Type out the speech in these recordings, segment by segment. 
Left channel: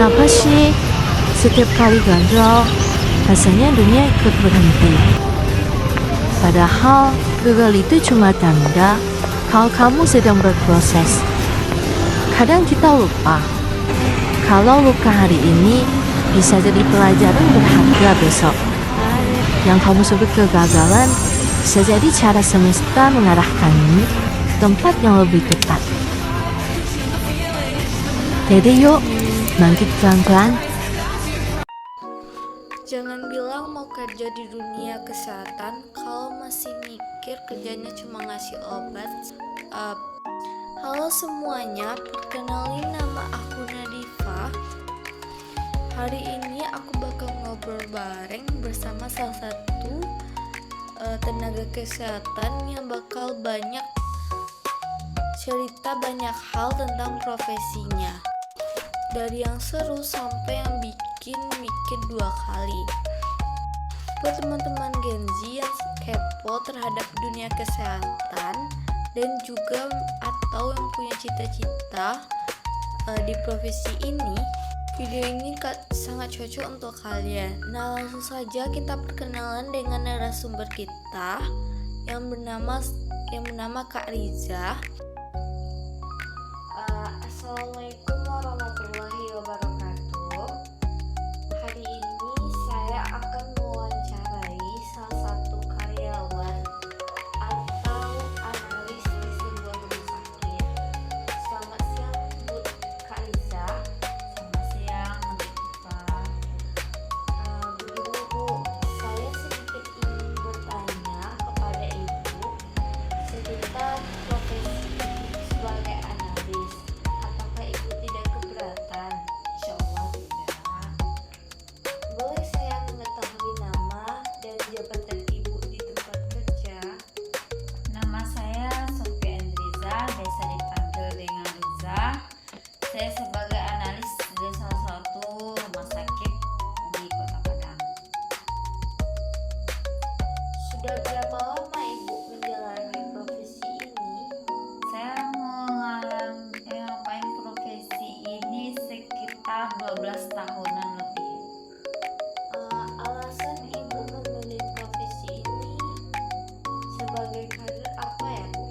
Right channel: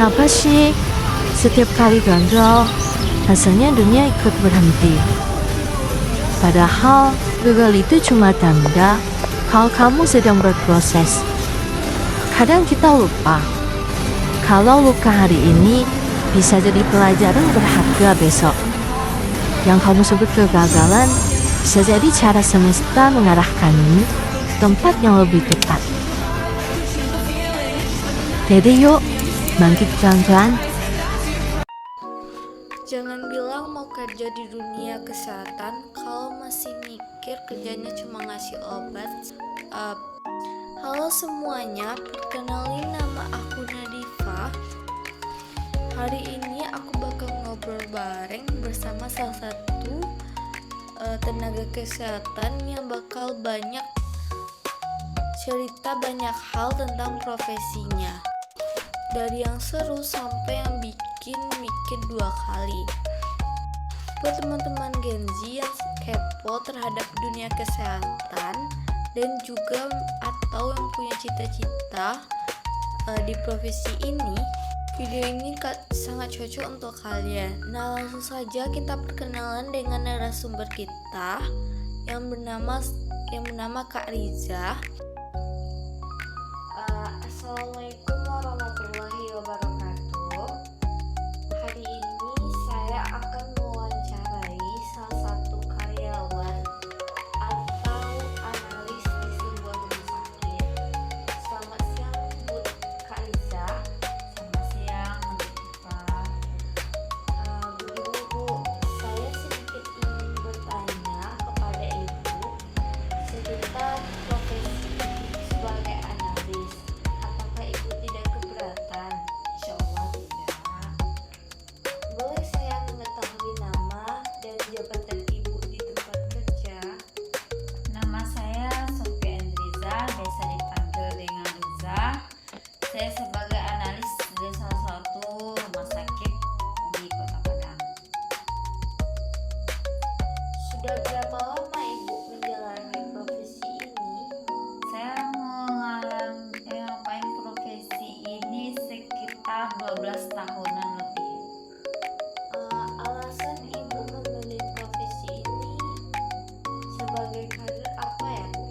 Kenapa sih setiap kali gagal, rasanya dunia ikut berhenti? Padahal gagal itu cuma tanda kalau kamu sedang berproses. Kadang kita lupa kalau luka hari ini bisa jadi pelajaran berharga besok. Yang kamu sebut kegagalan bisa jadi cara semesta mengarahkanmu ke tempat yang lebih tepat. Jadi yuk, bangkit pelan-pelan. Jangan bilang mau kerja di dunia kesehatan kalau masih mikir kerjanya cuma ngasih obat. Halo semuanya, perkenalin nama aku Nadifa. Hari ini aku bakal ngobrol bareng bersama salah satu tenaga kesehatan yang bakal banyak cerita banyak hal tentang profesinya. Dari yang seru sampai yang bikin mikir 2 kali. Buat teman-teman Gen Z yang kepo terhadap dunia kesehatan dan juga atau yang punya cita-cita di profesi ini, video ini sangat cocok untuk kalian. Nah, langsung saja kita perkenalan dengan narasumber kita yang bernama Kak Riza. Assalamualaikum warahmatullahi wabarakatuh. Hari ini saya akan mewawancarai salah satu karyawan atau analis di sebuah rumah sakit. Selamat siang Bu Kak Riza. Selamat siang, Mbak. Begini Bu, saya sedikit ingin bertanya kepada Ibu sekitar profesi sebagai analis. Apakah Ibu tidak keberatan? Insya Allah tidak. Boleh saya mengetahui nama dan jabatan Ibu di tempat kerja? Nama saya Sofia Endriza, biasa dipanggil dengan Riza. Saya sebagai analis di salah satu rumah sakit di Kota Padang. Sudah berapa lama Ibu menjalani profesi ini? Saya ngapain profesi ini sekitar 12 tahunan lebih. Alasan Ibu memilih profesi ini sebagai karir apa ya Bu?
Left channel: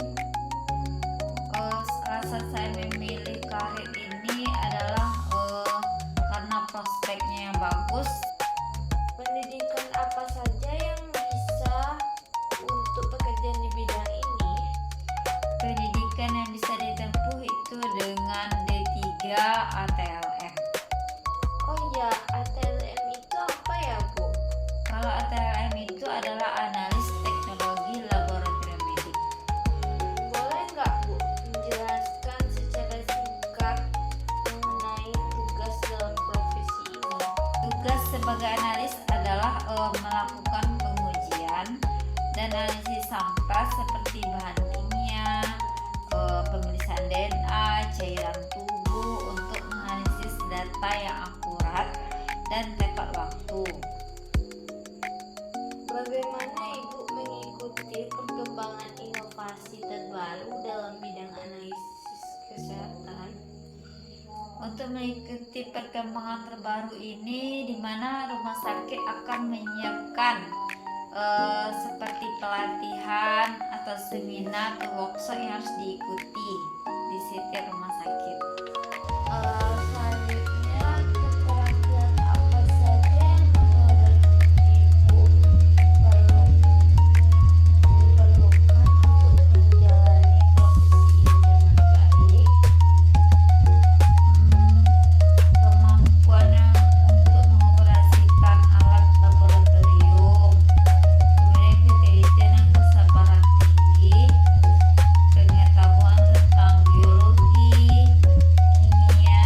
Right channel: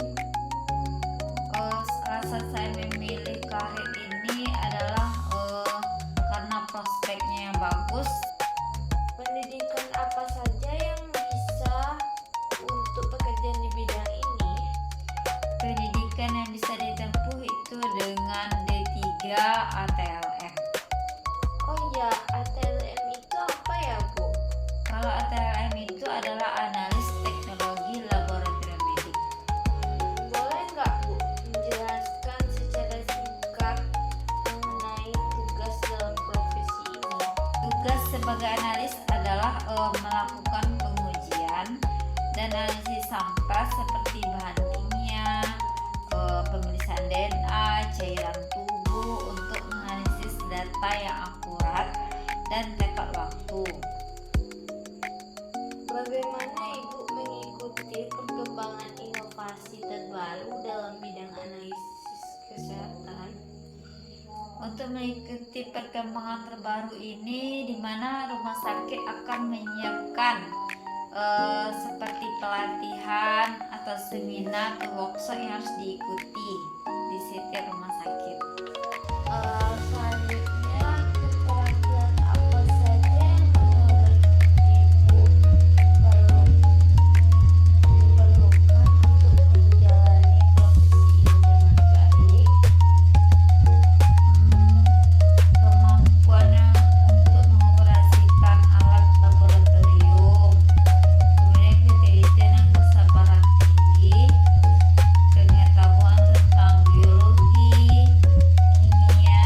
Alasan saya memilih karir ini adalah karena prospeknya yang bagus. Pendidikan apa saja yang bisa untuk pekerjaan di bidang ini? Pendidikan yang bisa ditempuh itu dengan D3 ATLM. Oh ya, ATLM itu apa ya Bu? Kalau ATLM itu adalah analis teknologi laboratorium medik. Boleh nggak Bu menjelaskan secara singkat mengenai tugas dalam profesi ini? Tugas sebagai analis adalah melakukan pengujian dan analisis sampel seperti bahan kimia, pemeriksaan DNA, cairan tubuh untuk menganalisis data yang akurat dan tepat waktu. Bagaimana Ibu mengikuti perkembangan inovasi terbaru dalam bidang analisis kesehatan? Untuk mengikuti perkembangan terbaru ini, di mana rumah sakit akan menyiapkan seperti pelatihan atau seminar atau workshop yang harus diikuti di setiap rumah sakit. Selanjutnya, keterampilan apa saja yang menurut Ibu diperlukan untuk menjalani profesi ini dengan baik? Kemampuan untuk mengoperasikan alat laboratorium, kemudian ketelitian dan kesabaran tinggi, pengetahuan tentang biologi, kimia,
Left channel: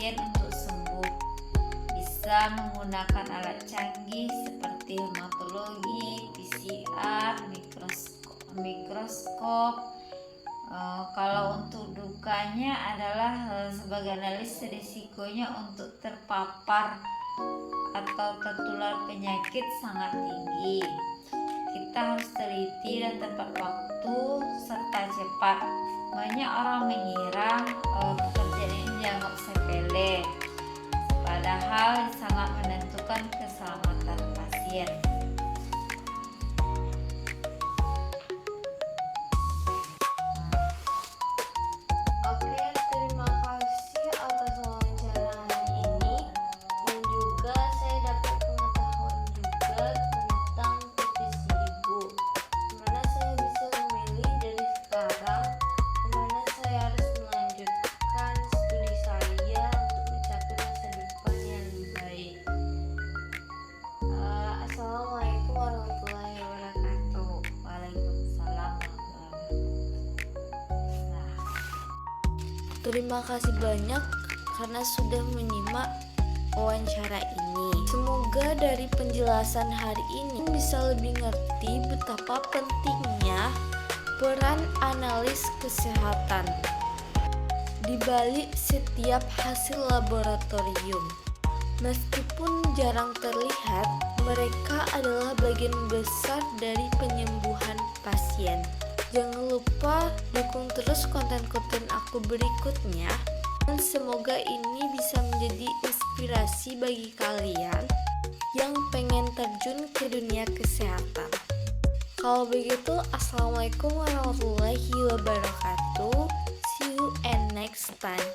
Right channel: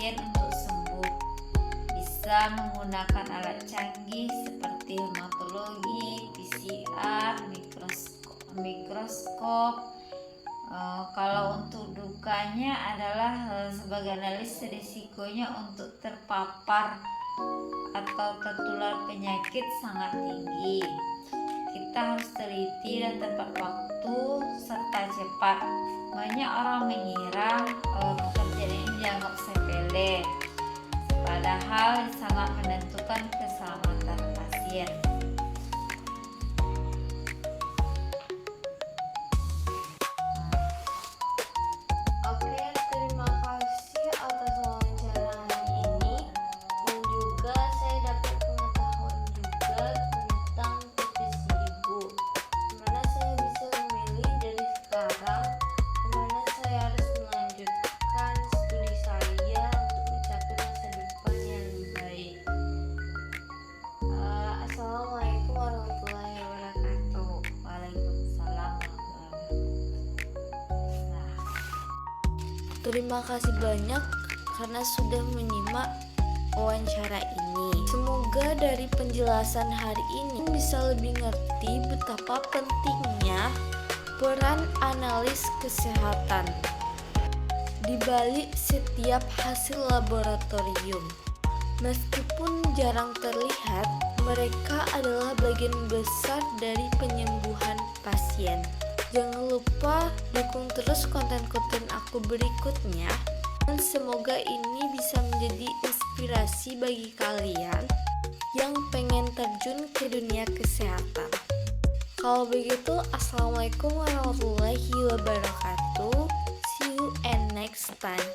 pasien untuk sembuh. Bisa menggunakan alat canggih seperti hematologi, PCR, mikroskop. Kalau untuk dukanya adalah sebagai analis risikonya untuk terpapar atau tertular penyakit sangat tinggi. Kita harus teliti dan tepat waktu serta cepat. Banyak orang mengira pekerjaan ini dianggap sepele, padahal sangat menentukan keselamatan pasien. Oke, terima kasih atas wawancara hari ini, dan juga saya dapat pengetahuan juga tentang profesi ibu, dimana saya bisa memilih dari sekarang kemana saya harus melanjutkan studi saya untuk mencapai masa depan yang lebih baik. Assalamualaikum warahmatullahi wabarakatuh. Waalaikumsalam warahmatullahi wabarakatuh. Terima kasih banyak karena sudah menyimak wawancara ini. Semoga dari penjelasan hari ini bisa lebih ngerti betapa pentingnya peran analis kesehatan di balik setiap hasil laboratorium. Meskipun jarang terlihat, mereka adalah bagian besar dari penyembuhan pasien. Jangan lupa dukung terus konten-konten aku berikutnya, dan semoga ini bisa menjadi inspirasi bagi kalian yang pengen terjun ke dunia kesehatan. Kalau begitu, assalamualaikum warahmatullahi wabarakatuh. See you and next time.